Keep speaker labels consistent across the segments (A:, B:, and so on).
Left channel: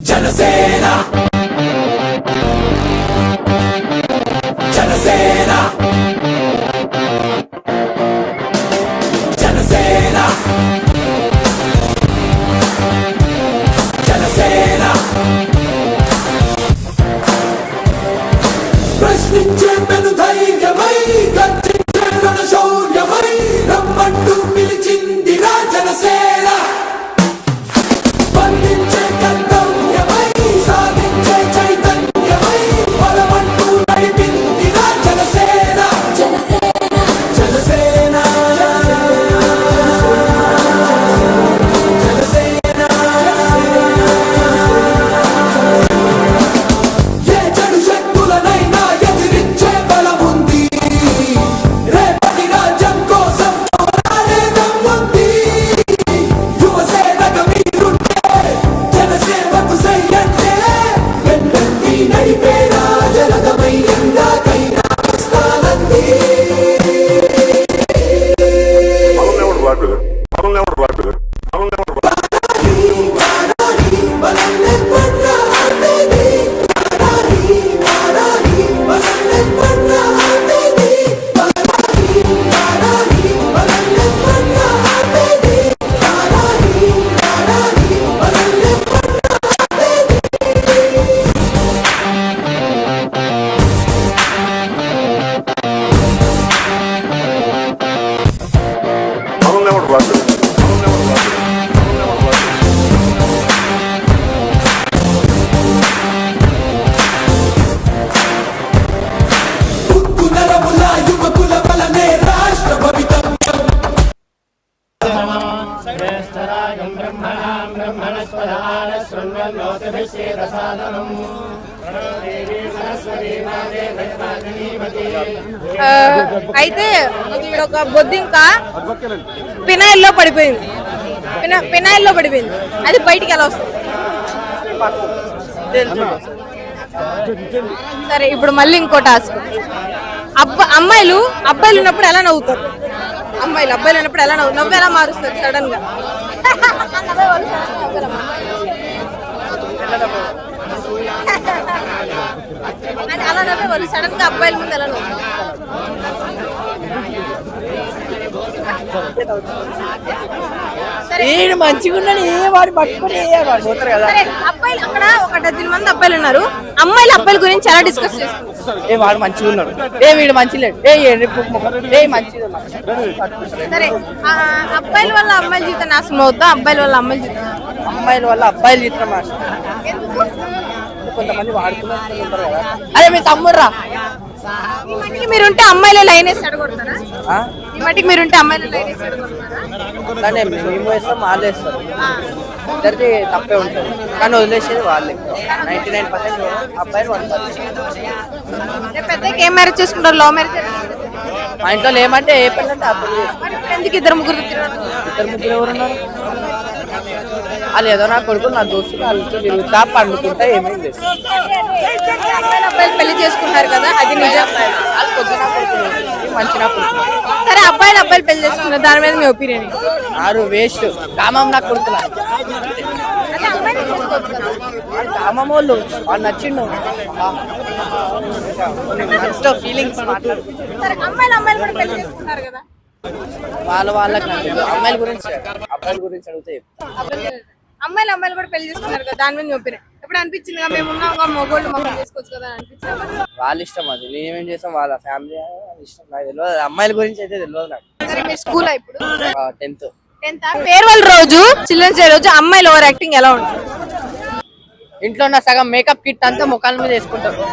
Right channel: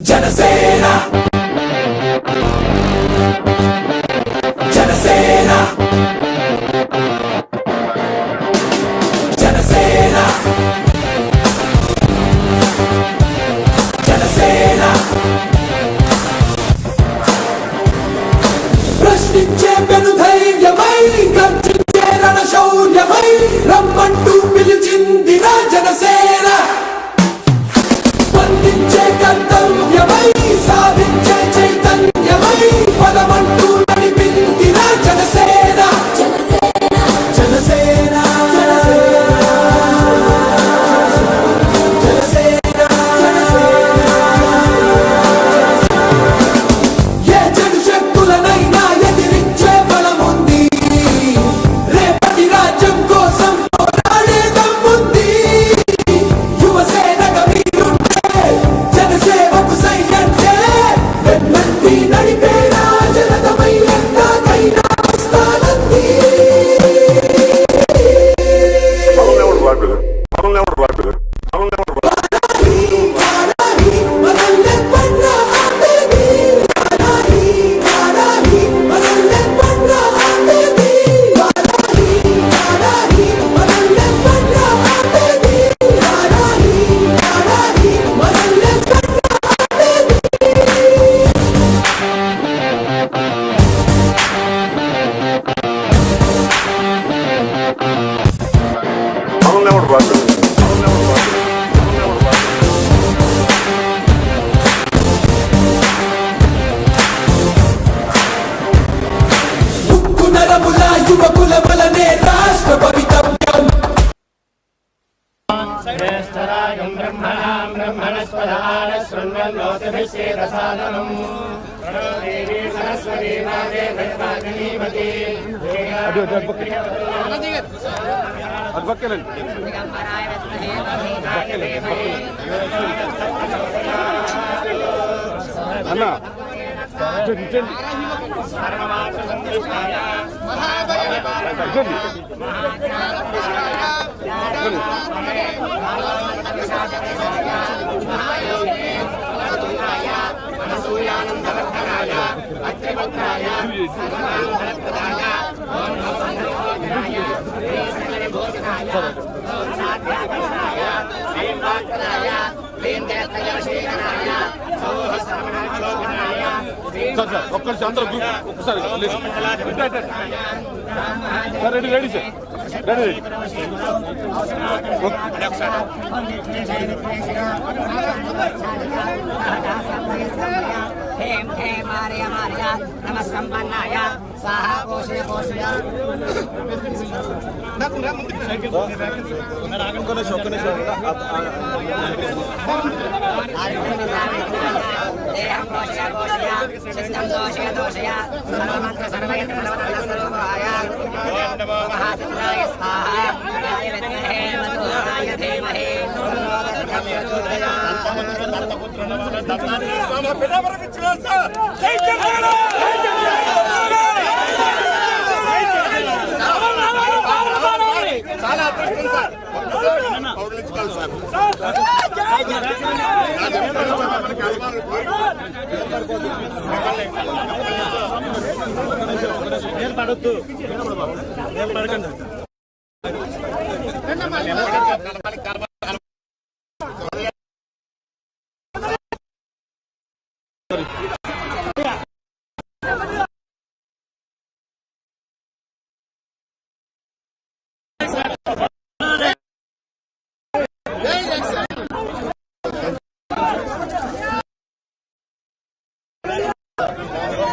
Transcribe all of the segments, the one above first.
A: జనసేన జనసేన జనసేన జనసేన ప్రశ్నించే పెను
B: శృణ్వన్నోతిభిశ్చేదసాదనం దేవీ సరస్వతీ మాతే భద్రాజనీమతి
C: ఆ, అయితే ఒక బొద్దింక పినాయిల్లో పడిపోయింది. పిన- పినాయిల్లో పడిపోయింది. అది బయటికి ఎలా వస్తుంది? సరే ఇప్పుడు మళ్ళీ ఇంకో టాస్క్ అబ్బ అమ్మాయిలు అబ్బాయిలు ఉన్నప్పుడు ఎలా నవ్వుతారు? అమ్మాయిలు అబ్బాయిలు ఉన్నప్పుడు ఎలా నవ్వు నవ్వు ఎలా మారుస్తారు సడన్గా? సడన్గా అబ్బాయిలు ముందు ఎలా నవ్వుతారు?
D: నేను మంచిగా ఏ వాడు
C: అబ్బాయిలు అక్కడ ఒక డజన్ మంది అబ్బాయిలు ఉన్నారు అమ్మాయిలు అబ్బాయిల గురించి ఎలా డిస్కస్ చేస్తారు
D: ఏ వాడు మంచిగా ఉన్నాడు ఏ వీడు మంచి లేడు ఏ ఏ.
C: సరే అబ్బాయిల వల్ల అమ్మాయిల జీవితం నాశనం అవుతా అబ్బాయిల వల్ల అమ్మాయిల జీవితం
D: అమ్మాయిల వల్ల అబ్బాయిలు ఇద్దరు అరే మీ తమ్ముడురా
C: ఇప్పటికి మీరుంటే అమ్మాయిలే లైన్ ఇప్పటికి మీరుంటే అమ్మాయిలు ఏం మ్యారేజ్ చేసుకుంటారు? లవ్ మ్యారేజ్
D: మా ఇంట్లో ఏమంటే
C: ఇద్దరు ముగ్గురు?
D: వాళ్ళు ఏదో నా కొడుకు నా దోస్తు ఇట్లా పండుకుంటే
C: పెళ్ళి చేసుకున్నారు కదా అది నిజం సరే అబ్బాయిలు అబ్బాయిలు పెళ్ళి చేసుకున్నారు దాని మీద మీ ఒపీనియన్
D: ఆరు వేస్ట్ కామం నాకు కామం వాళ్ళు వాళ్ళు నచ్చిండు జస్ట్ ఫీలింగ్స్
C: పెళ్ళి కదా
D: వాళ్ళ వాళ్ళకి అమ్మాయిల గురించి అడిగితే.
C: అమ్మాయిలు అమ్మాయిలు కూడా పెళ్ళి చేసుకుంటారు కదా దాని మీద ఒపీనియన్. ఎప్పుడు అనిపించింది కదా మేము మగోళ్ళు చేసుకోవచ్చు కదా అని అనిపించింది?
D: వాళ్ళ ఇష్టం అది. మేమేం చేస్తాం వాళ్ళ ఫ్యామిలీ ఇష్టం. నాకు తెలియదు. అమ్మాయిల గురించి అయితే తెలియదు నాకు.
C: స్కూల్ ఇప్పుడు?
D: టెన్త్
C: టెన్త్ ఫేర్వెల్ రోజు చిల్డ్రన్స్ డే రోజు అమ్మాయిలు ఓవర్ యాక్టింగ్ ఎలా ఉంటుంది
D: ఇంట్లో ఉన్న సగం మేకప్ కిట్ అంతా ముఖాల మీద వేసుకుంటారు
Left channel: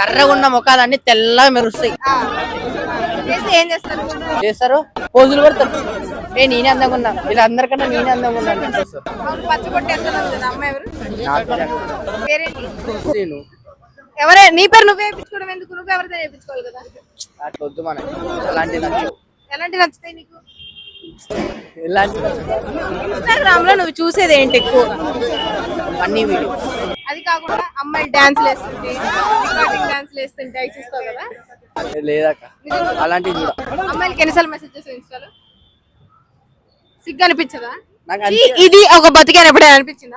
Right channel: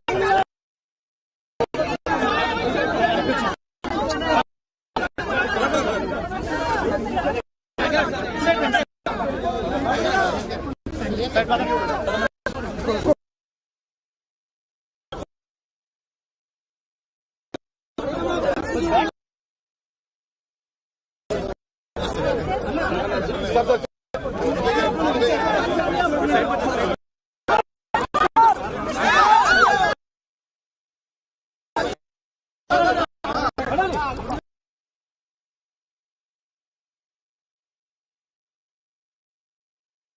D: కర్రగా ఉన్న ముఖాలన్నీ తెల్లగా మెరుస్తాయి.
C: ఏం చేస్తారు?
D: చేస్తారు? పోజులు పెడతారు. ఏ నేనే అందంగా ఉన్నా. వీళ్ళందరికన్నా నేనే అందంగా
C: ఎవరు పేరేంటి?
D: నేను
C: ఎవరే? నీ పేరు నువ్వే వేయించుకోవడం ఎందుకు? నువ్వు ఎవరితో వేయించుకోవాలి కదా?
D: అట్లా వద్దు మనం.
C: ఎలాంటి నచ్చుతాయి నీకు? ఇన్స్టాగ్రామ్లో నువ్వు చూసేది ఏంటి? ఎక్కువ అది కాకుండా అమ్మాయి డాన్స్ డాన్స్ వేస్తుంటే అవి చూస్తావు కదా?
D: లేదక్క. అలాంటివి
C: ఎన్నిసార్లు మెసేజ్ ఇన్స్టాలో సిగ్గు అనిపించదా? ఇది ఒక బతికాని ఎప్పుడైనా అనిపించిందా?